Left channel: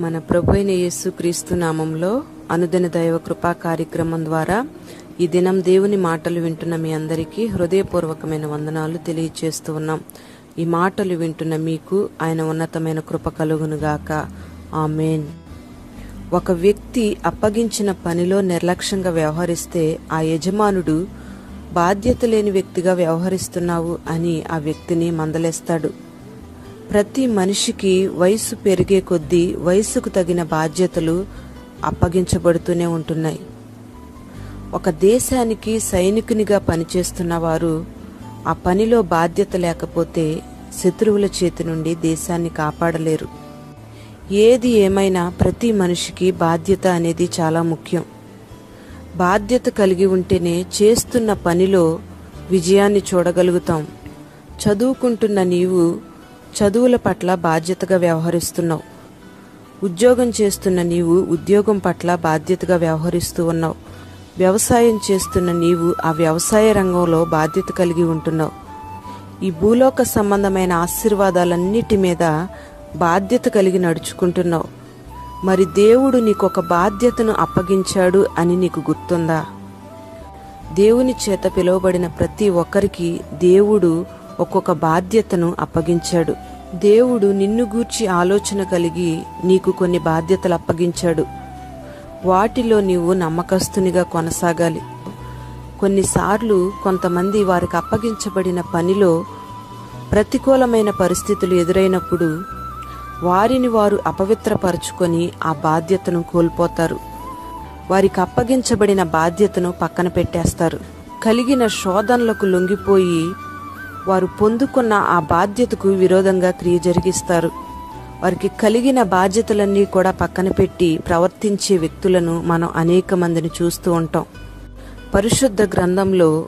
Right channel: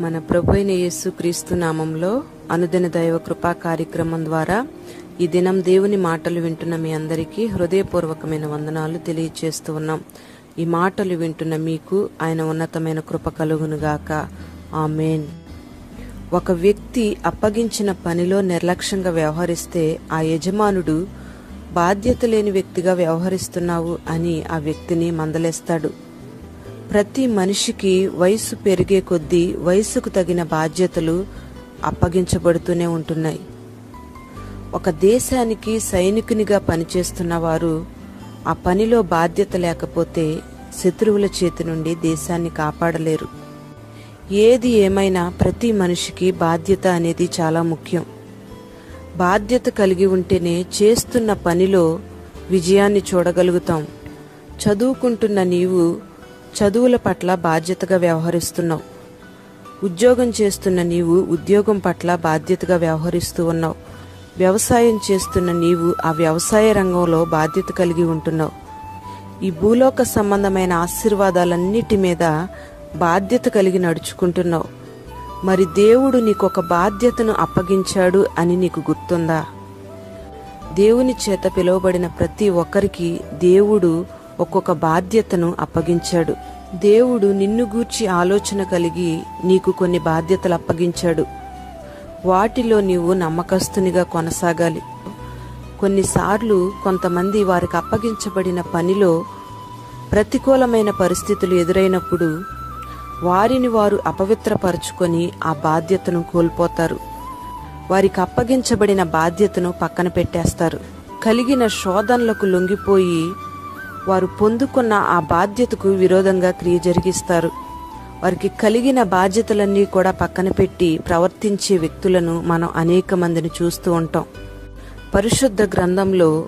మన ప్రభువైన యేసుక్రీస్తు నామంలో అనుదిన దైవ కృపా కార్యక్రమం ద్వారా ఈ దినం దేవుని మాటలు వింటున్న మీ అందరికీ హృదయపూర్వకమైన వందనాలు తెలియజేస్తూ ఉన్నాం. ఈ మాటలు వింటున్న మీకు ఆయన ఉన్నతమైన కృప కలుగునుగాక. ఆమేన్. ఒక వ్యక్తి అప్పగించిన పనిలో నిర్లక్ష్యంగా వ్యవహరిస్తే ఆ యజమానుడు బాధ్యత లేని వ్యక్తిగా వ్యవహరిస్తున్నావు అని ఆ వ్యక్తిని మందలేస్తాడు. ప్రతి మనిషికి వయసు పెరిగే కొద్దీ వయసుకు తగిన బాధ్యతలు అప్పగించబడుతూనే ఉంటున్నాయి. ఒక దేశానికి సైనికునిగా పనిచేస్తున్న వారు ఆ పనిలో బాధ్యత లేకపోతే శత్రువుల చేతి నుండి దేశాన్ని కాపాడలేరు. ఏది ఏమైనా ప్రతి మనిషికి బాధ్యత అనేది చాలా ముఖ్యం. బాధ్యత కలిగి ఉంటేనే చేస్తున్న పనిలో విజయాన్ని చూడగలుగుతాం. చదువుకుంటున్న నీవు చదువుల పట్ల బాధ్యతగా వ్యవహరిస్తున్నావు. ఉద్యోగం చేస్తున్న నీవు ఉద్యోగం పట్ల బాధ్యతగా వ్యవహరిస్తూ ఉన్నావు. వ్యవసాయం చేస్తున్న నీవు ఆ వ్యవసాయ రంగంలో బాధ్యత కలిగి ఉంటున్నావు. ఈ భూలోక సంబంధమైన ఆశీర్వాదాలన్నిటి మీద బాధ్యత కలిగి నడుచుకుంటున్నావు. మరి దేవుడు నీకొక బాధ్యతను అప్పగించాడు అని నీకు గుర్తుందా? దేవుని చేత పిలువబడిన ప్రతి ఒక్కరికి దేవుడు ఒక్కొక్క బాధ్యతను అప్పగించాడు. దేవుడు నిన్ను గూర్చి ఆలోచన కలిగి నీకు కొన్ని బాధ్యతలు అప్పగించాడు. వాటిలో నీవు నమ్మకస్తునిగా కొనసాగాలి. కొన్నిసార్లు కొంతమంది వారికి అప్పగించబడిన పనిలో ప్రతికూలమైన పరిస్థితులు ఎదురైనప్పుడు వారిని వారు అపవిత్రపరుచుకొని ఆ బాధ్యతను కోల్పోతారు. వారికి అప్పగించబడిన బాధ్యతను పక్కన పెట్టేస్తారు. కలిగిన శోధనలకు లొంగిపోయి వారు పొందుకున్న ఆ బాధ్యతకు విరోధంగా క్రియ జరిగిస్తారు. వారికి కలిగిన బాధ్యతలన్నీ కూడా పక్కన పెట్టి ప్రవర్తించే వ్యక్తులను మనం అనేక మందిని చూస్తూ ఉంటాం. పరిశుద్ధ గ్రంథంలో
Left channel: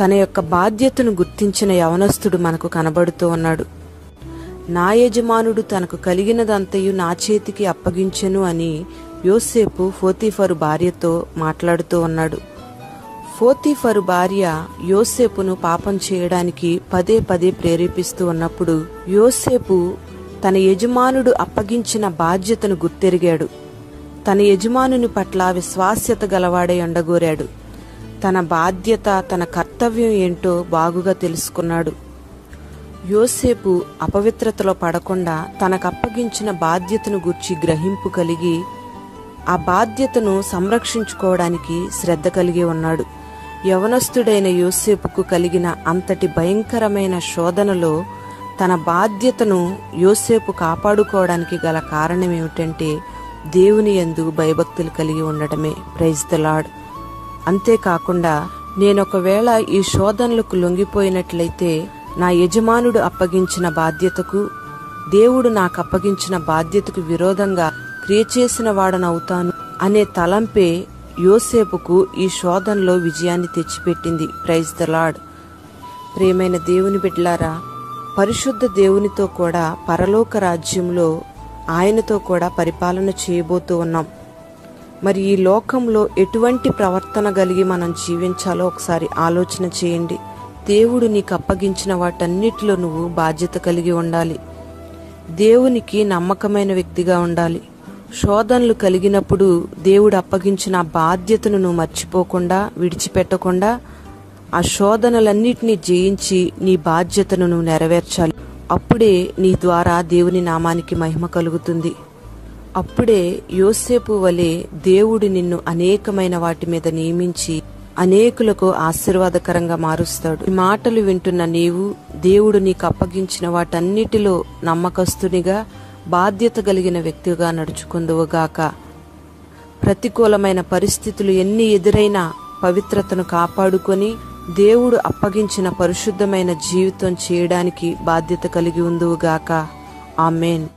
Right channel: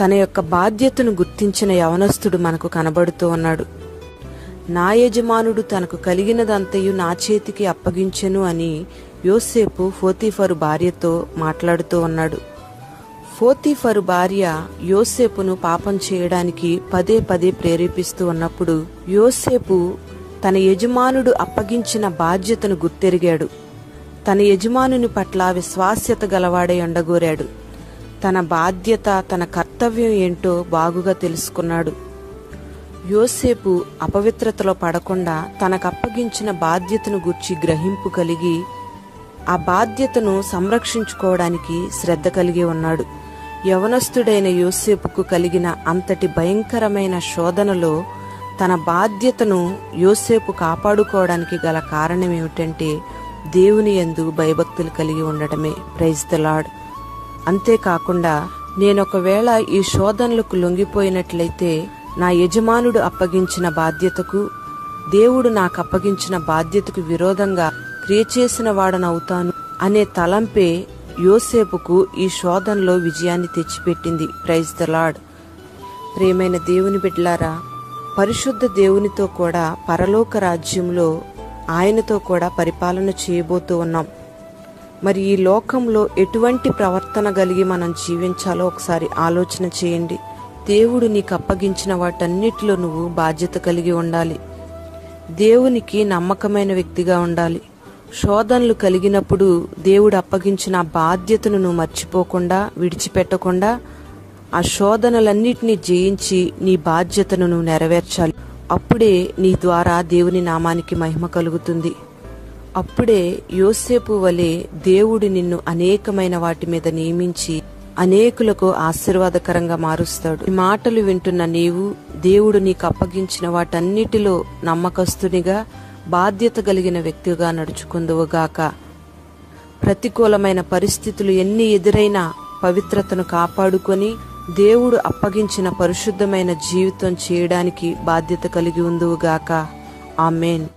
తన యొక్క బాధ్యతను గుర్తించిన యవనస్తుడు మనకు కనబడుతూ ఉన్నాడు. నా యజమానుడు తనకు కలిగినదంతయు నా చేతికి అప్పగించెను అని యోసేపు పోతీఫరు భార్యతో మాట్లాడుతూ ఉన్నాడు. పోతీఫరు భార్య యోసేపును పాపం చేయడానికి పదే పదే ప్రేరేపిస్తూ ఉన్నప్పుడు యోసేపు తన యజమానుడు అప్పగించిన బాధ్యతను గుర్తెరిగాడు. తన యజమానుని పట్ల విశ్వాస్యత గలవాడై ఉండగోరాడు. తన బాధ్యత, తన కర్తవ్యం ఏంటో బాగుగా తెలుసుకున్నాడు. యోసేపు అపవిత్రతలో పడకుండా తనకు అప్పగించిన బాధ్యతను గూర్చి గ్రహింపు కలిగి ఆ బాధ్యతను సంరక్షించుకోవడానికి శ్రద్ధ కలిగి ఉన్నాడు. యవనస్తుడైన యోసేపుకు కలిగిన అంతటి భయంకరమైన శోధనలో తన బాధ్యతను యోసేపు కాపాడుకోవడానికి గల కారణం ఏమిటంటే దేవుని యందు భయభక్తులు కలిగి ఉండటమే. Praise the lord. అంతేకాకుండా నేనొకవేళ ఈ శోధనలకు లొంగిపోయినట్లయితే నా యజమానుడు అప్పగించిన బాధ్యతకు, దేవుడు నాకు అప్పగించిన బాధ్యతకు విరోధంగా క్రియ చేసిన వాడనవుతాను అనే తలంపే యోసేపుకు ఈ శోధనలో విజయాన్ని తెచ్చిపెట్టింది. Praise the lord. ప్రియమైన దేవుని బిడ్డలారా, పరిశుద్ధ దేవునితో కూడా పరలోక రాజ్యంలో ఆయనతో కూడా పరిపాలన చేయబోతూ ఉన్నాం. మరి ఈ లోకంలో ఎటువంటి ప్రవర్తన కలిగి మనం జీవించాలో ఒకసారి ఆలోచన చేయండి. దేవుడు నీకు అప్పగించిన వాటన్నిటిలో నువ్వు బాధ్యత కలిగి ఉండాలి. దేవునికి నమ్మకమైన వ్యక్తిగా ఉండాలి. శోధనలు కలిగినప్పుడు దేవుడు అప్పగించిన బాధ్యతను నువ్వు మర్చిపోకుండా, విడిచిపెట్టకుండా ఆ శోధనలన్నిటినీ జయించి నీ బాధ్యతను నువ్వు నెరవేర్చాలి. అప్పుడే నీ ద్వారా దేవుని నామానికి మహిమ కలుగుతుంది. అప్పుడే యోసేపు వలె దేవుడు నిన్ను అనేకమైన వాటి మీద నియమించి అనేకులకు ఆశీర్వాదకరంగా మారుస్తాడు. ఈ మాటలు వింటున్న నీవు దేవుడు నీకు అప్పగించిన వాటన్నిటిలో నమ్మకస్తునిగా, బాధ్యత కలిగిన వ్యక్తిగా నడుచుకుందువుగాక. ప్రతికూలమైన పరిస్థితులు ఎన్ని ఎదురైనా పవిత్రతను కాపాడుకొని దేవుడు అప్పగించిన పరిశుద్ధమైన జీవితం చేయడానికి బాధ్యత కలిగి ఉందువుగాక. ఆమేన్.